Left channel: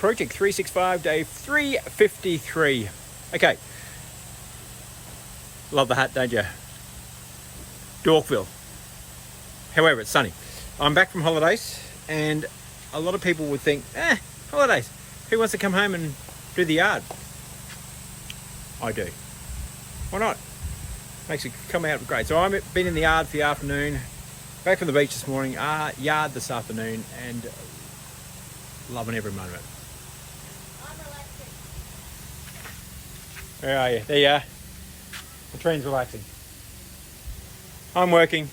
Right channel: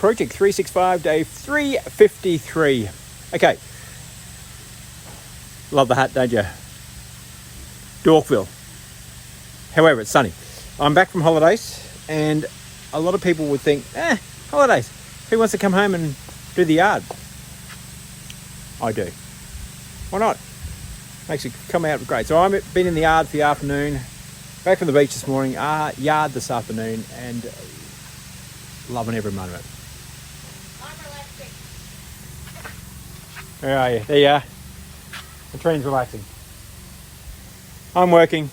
project 365, day 353. Okay. Love the hat, don't you? Dorkville. However, it's sunny. I'm back from holidays, and a lot of people would think, holidays. Who wants to come home and do the yard? I do. Why not? Makes it come out great. So I've been in the yard for the afternoon, back from the beach this morning, yard this afternoon, and loving every moment. I'm relaxing. Where are you? There you are. Katrine's relaxing. I'm working,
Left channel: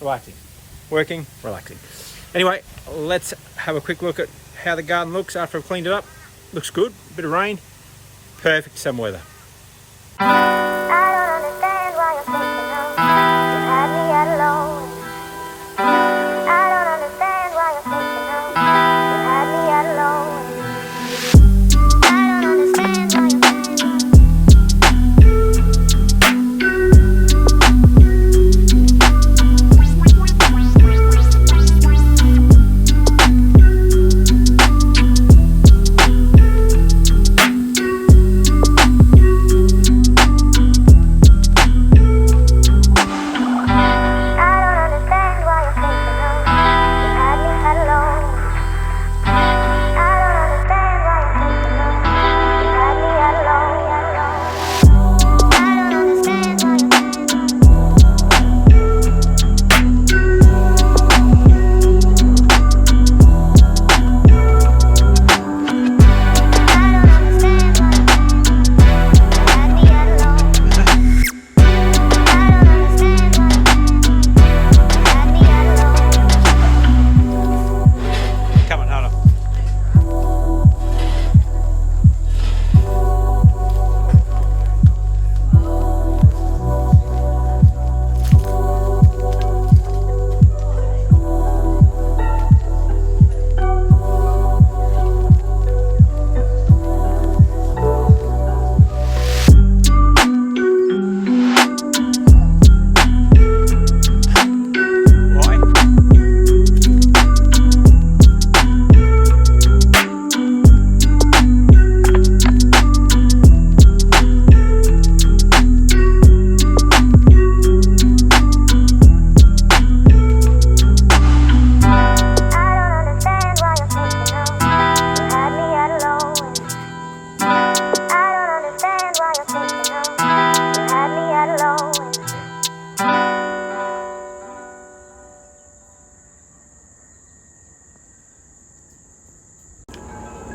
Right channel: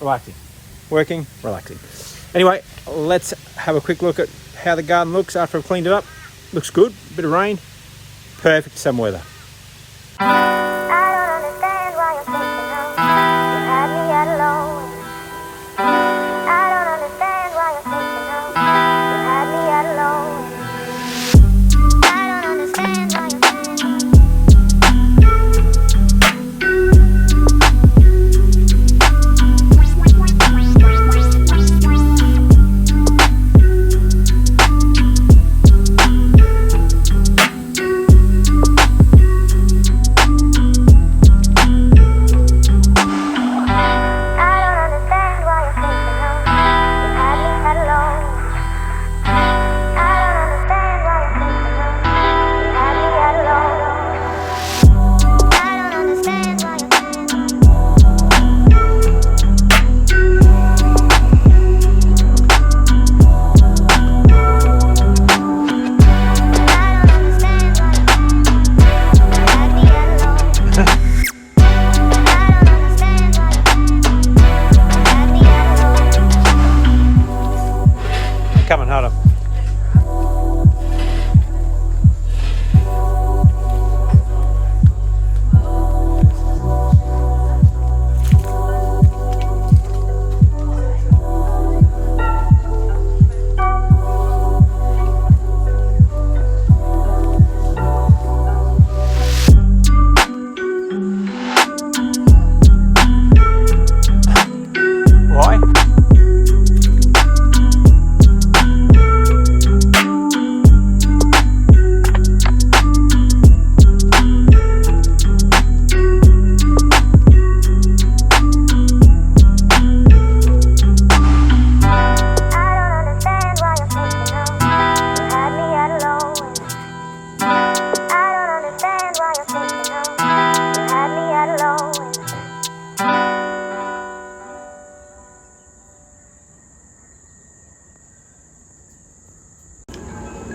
relaxing. Working, relaxing. Anyway, let's have a quick look at how the garden looks after I've cleaned it up. Looks good. Bit of rain. Perfect summer weather. I don't understand why you're thinking of you had me at alone. I don't understand why you're thinking of you had me at alone. I don't understand why you're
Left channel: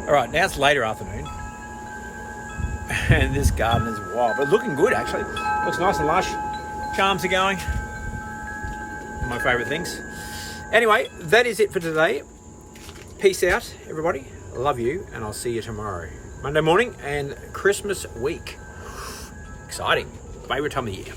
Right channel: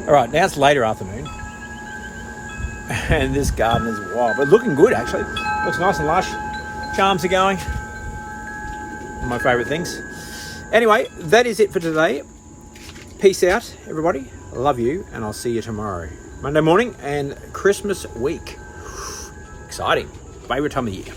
Alright, now it's later afternoon, and this garden is wild, but looking good actually. Looks nice and lush. Charms are going. One of my favourite things. Anyway, that is it for today. Peace out, everybody. I love you, and I'll see you tomorrow. Monday morning and Christmas week. Exciting. Favourite time of the year.